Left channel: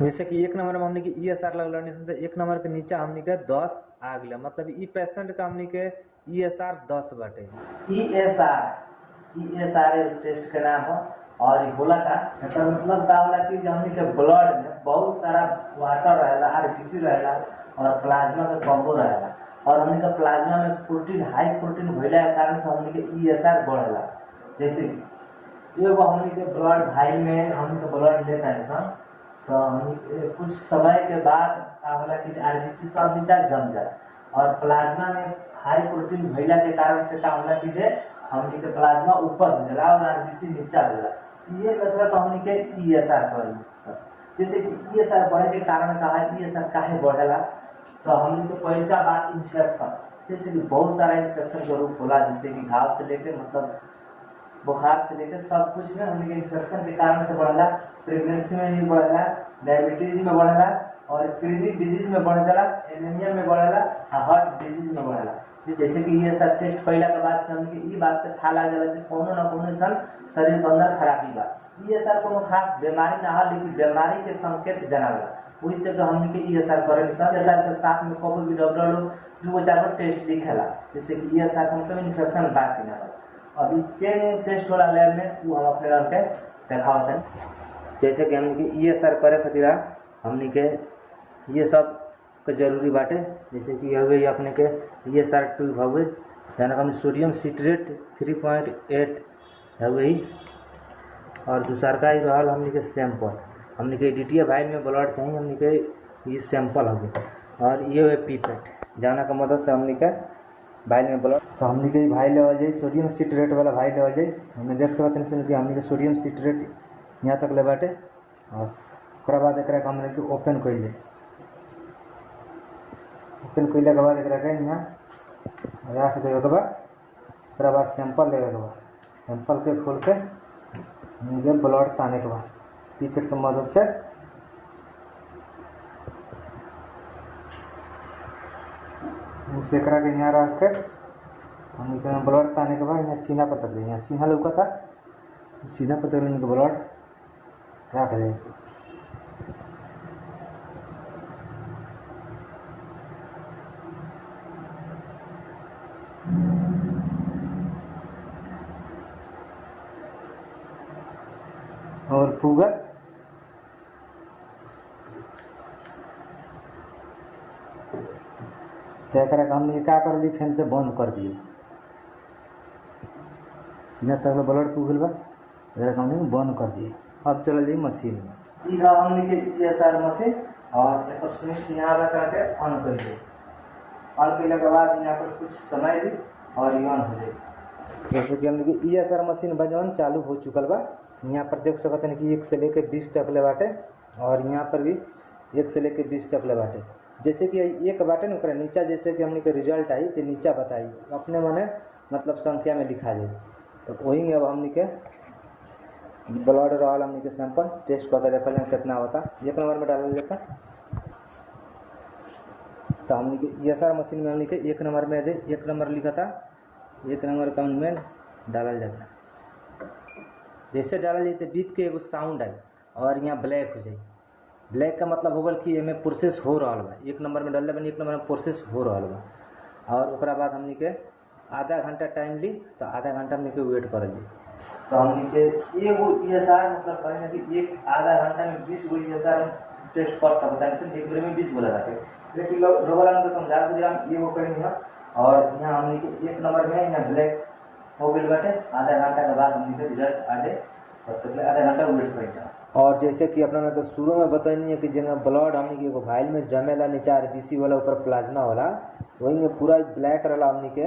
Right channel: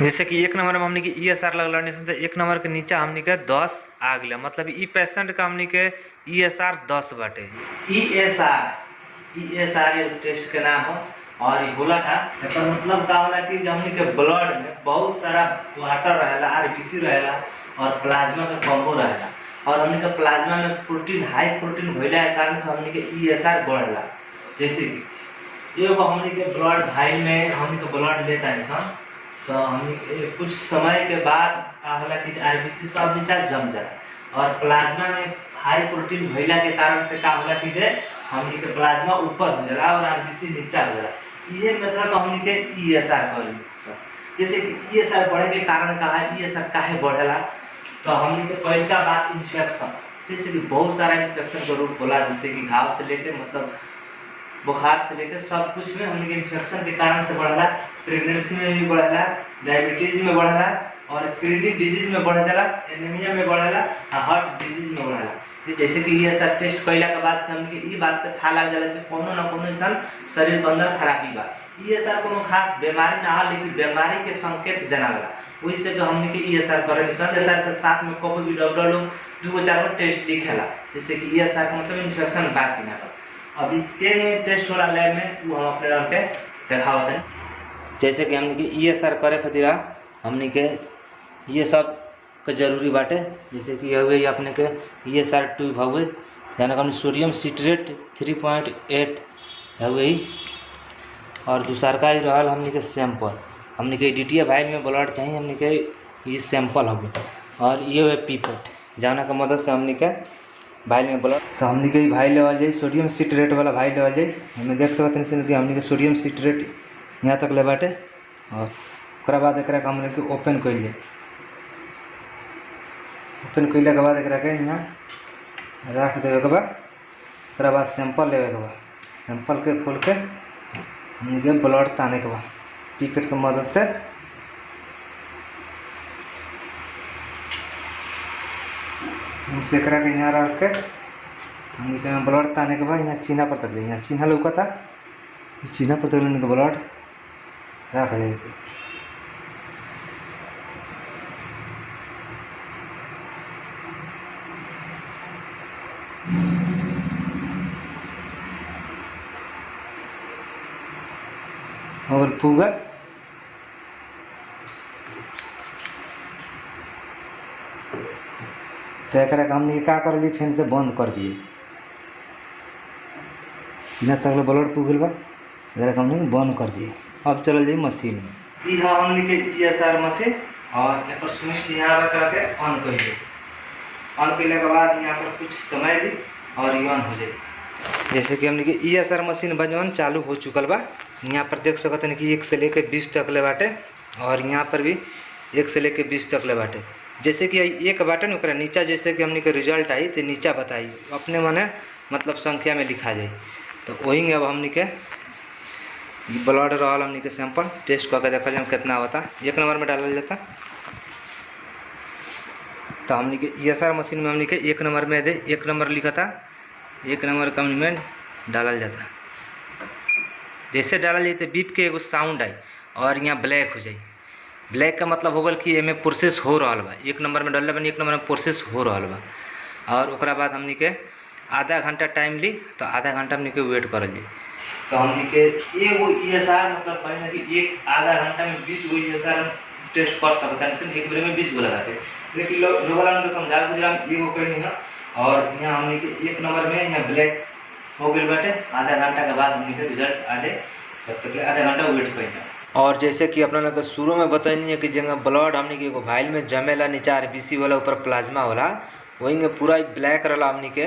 जैसे कि एक नंबर में हमने के ESR लगल तो एक नंबर के नीचे हमने के 10 आ गया, मतलब ई पेशेंट का हमने के ESR 10 बाटे। ESR टेस्ट के नाम है। और ये बोला था एकर मतलब का होला कि हमने के ब्लड में बहुत सारा वाटर रहेला, आरबीसी रहेला और प्लाज्मा का कम्बो रहेला, और हमने का प्लाज्मा में प्रोटीन हाई प्रोटीन भइला के कारण से हमने के ESR बढ़ेला। जैसे कि एगो हमने के ब्लड भाई में हमने के ब्लड लेता है तो हमने कुछ समय के बाद का होला कि आरबीसी सब नीचा जम जाए, और प्लाज्मा में हाई प्रोटीन भइला के कारण से का होला कि हमने के प्लाज्मा ऊपर हो जाला और आरबीसी नीचा हो जाला। ये मतलब हमने के ESR करी सर। जैसे कि ESR बढ़े के कारण का है, ESR काहे बढ़ेला, तो हमने के पहले का बात इन्फेक्शन, जैसे कि बहुत सारा इन्फेक्शन का रूप होला, जैसे कि घाव से लेके मतलब बुखार से लेकर सब कुछ में हमने के इन्फेक्शन के कारण से बढ़ला। प्रेगनेंसी में भी बढ़ला, डायबिटीज में बढ़ला, और किडनी डिजीज में बढ़ जाला, एनीमिया में बढ़ला, हार्ट डिजीज में बढ़ला। जैसे कि ESR टेस्ट कैला के बाद हमने के ई बात के था लग जाला कि कोनो ना कोनो सन शरीर के अंदर खराबी बा। ESR कोनो खास बीमारी ना है, लेकिन बीमारी के संकेत जनावला, वही से जो हमने के ESR करे निशान। ESR के साथ में कोई भी डॉक्टर लोग 2-4 गो टेस्ट लिखेला, जैसे कि ESR का मतलब इन्फेक्शन बा कि ना। अभी के टेस्ट होला लैब में वो हम अपने डाल के दिखावत है। जैसे कि हमने के ESR करे खातिर हमने के ये सब के जरूरी बाटे, जैसे कि हवे अपने के ESR ट्यूब हवे, यानी हमने सोडियम सिट्रेट 3.8 हवे, और दूसरा का ही रहल हमने के सैंपल, हमने के DTA भाई में ब्लड चाहिए, हमने के ये सैंपल हवे, और ये है पीपेट जाना का मदद से हमने के भाई में ब्लड, तो हमने के भाई लेवल जाए सोडियम सिट्रेट वाला भाई लेवल जाए। हमें देख सकते हैं कि हमने के सोडियम सिट्रेट यहाँ तक ले बाटे, और उसके बाद एक हमने के ओपन कर लिए। ओपन कैला के बाद एक यहाँ रख देवे के बाद सैंपल लेवे के बाद सैंपल के खोल के हमने ब्लड ताने के बाद पीपेट के मदद से सेकरा के यहाँ रख के हमने ब्लड ताने के बाद यहाँ चिन्हा पर तक यहाँ चिन्हा लौकता, चिन्हा पर तक ब्लड रख दे। और पूगा तो एक हमने क्या कर लिए, फैन से बंद कर दिए, सीना तक ब्लड पुगल बा, हमने बंद कर दिए। अब चल जाइए मशीन में। यह हमने के ESR मशीन, और एक स्विच यहाँ करके ऑन कर दिए। ऑन करने के बाद यहाँ पर कुछ समय दी और ये ऑन हो जाए। जैसे कि हमने के ESR मशीन बजवन चालू हो चुकल बा। यहाँ पर देख सकते हैं कि 1 से लेकर 20 तक ले बाटे, और यहाँ पर भी 1 से लेकर 20 तक ले बाटे। जैसे कि एक बाटे न ओकरा नीचा जैसे कि हमने के रिजल्ट आई तो नीचा बताई अपने मने मतलब संख्या में लिखा जाए। तो वही अब हमने के ब्लड रहल हमने के सैंपल टेस्ट करके देखा जाए कितना होता, 1 नंबर में डाला जाता। तो हमने के ESR मशीन में हमने के 1 नंबर में दे 1 नंबर लिखा था, 1 नंबर का में डाला जाता। जैसे डाला जाए तो बीप के एगो साउंड आई और यहाँ ब्लैक हो जाए। ब्लैक का मतलब हो गल कि एमे प्रोसेस हो रहा बा, 1 नंबर में डालने बनी 1 नंबर में प्रोसेस हो रहा बा। और ओकरा बाद हमने के आधा घंटा टाइम ली, तो आधा घंटा हमने के वेट कर ली। तो हमने के एगो ESR मतलब कहना कि एक आधा घंटा में 20 गो ESR टेस्ट कर सकता है, सिर्फ एक बेर में 20 गो लगा के। लेकिन लोग वाला को समझा गुजराम एगो करनी है, और यहाँ हमने के 1 नंबर में यहाँ ब्लैक हो गई बाटे। आधा घंटा के बाद हमने के रिजल्ट आ जाए, जब तक आधा घंटा वेट कर जाए। और जैसे कि अपना लोग शुरू में बताइए कि जगह ब्लड हमने के एगो वाइल में जमेला, नीचे आरबीसी वाला, ऊपर प्लाज्मा होला, वही में पूरा ब्लैक रहा हमने के,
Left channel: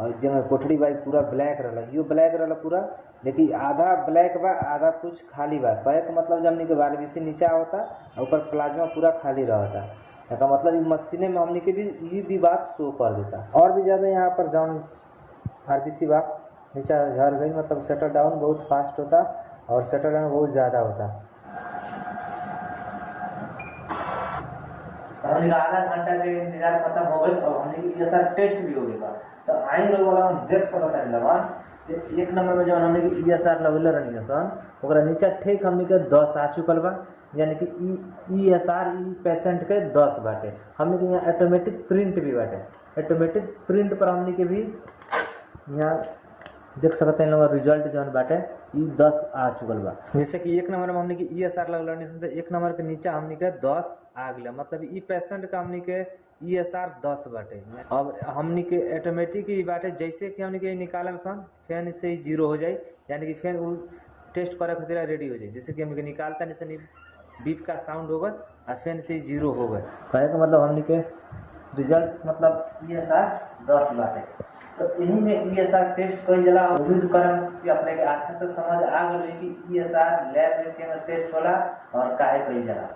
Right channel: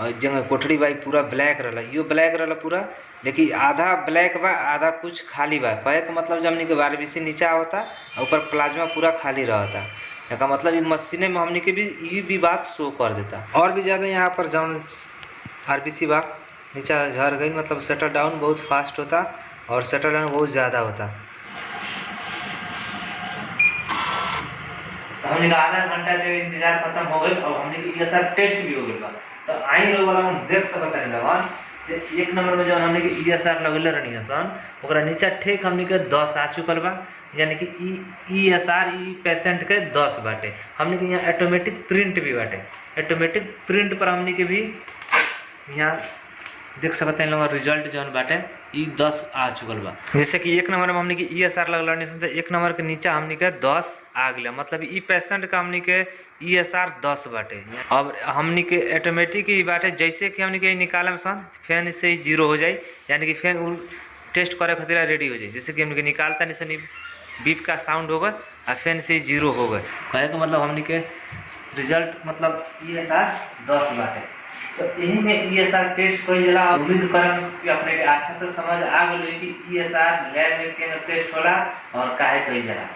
और जगह कोठड़ी बाई पूरा ब्लैक रहा, यो ब्लैक रहा पूरा, लेकिन आधा ब्लैक बा आधा कुछ खाली बा। कहे का मतलब जब हमने के आरबीसी नीचा होता ऊपर प्लाज्मा पूरा खाली रहता, का मतलब ये मशीने में हमने के भी ये भी बात शो कर देता। और भी ज़्यादा यहाँ पर जौन आरबीसी बा नीचा झड़ गई, मतलब शटर डाउन बहुत फास्ट होता और शटर डाउन बहुत ज़्यादा होता। तो हमने आधा घंटा के इंतजार खत्म हो गई, और हमने ESR टेस्ट भी हो गई बा। तो आई लोग वाला हम देख सकता है लगन एक नंबर में जब हमने के ESR लगले रहनी है सन ओकरा नीचे ठीक हमने के 10 आ चुकल बा, यानी कि ESR ई पेशेंट के 10 बाटे। हमने के यहाँ ऑटोमेटिक प्रिंट भी बाटे, ऑटोमेटिक प्रिंट पर हमने के भी यहाँ देख सकते हैं लोग रिजल्ट जौन बाटे ई 10 आ चुकल बा। जैसे कि एक नंबर में हमने के ESR लगल रहनी सन तो एक नंबर के नीचे हमने के 10 आ गया, मतलब ई पेशेंट का हमने के ESR 10 बाटे। अब हमने के ऑटोमेटिक ही बाटे, जैसे कि हमने के निकाले में सन फैन से ही 0 हो जाए, यानी कि फैन टेस्ट करे खातिर रेडी हो जाए। जैसे कि हमने के निकालता नहीं सन बीप का साउंड होगा और फैन से ही 0 हो गए, कहे का मतलब हमने के रिजल्ट मतलब ESR 10 बाटे। तो यही में ESR टेस्ट कोई जला उम्मीद करम कि अपने के अच्छा से समझ आ गई कि ESR लैब में के टेस्ट होला और काहे कोई जला।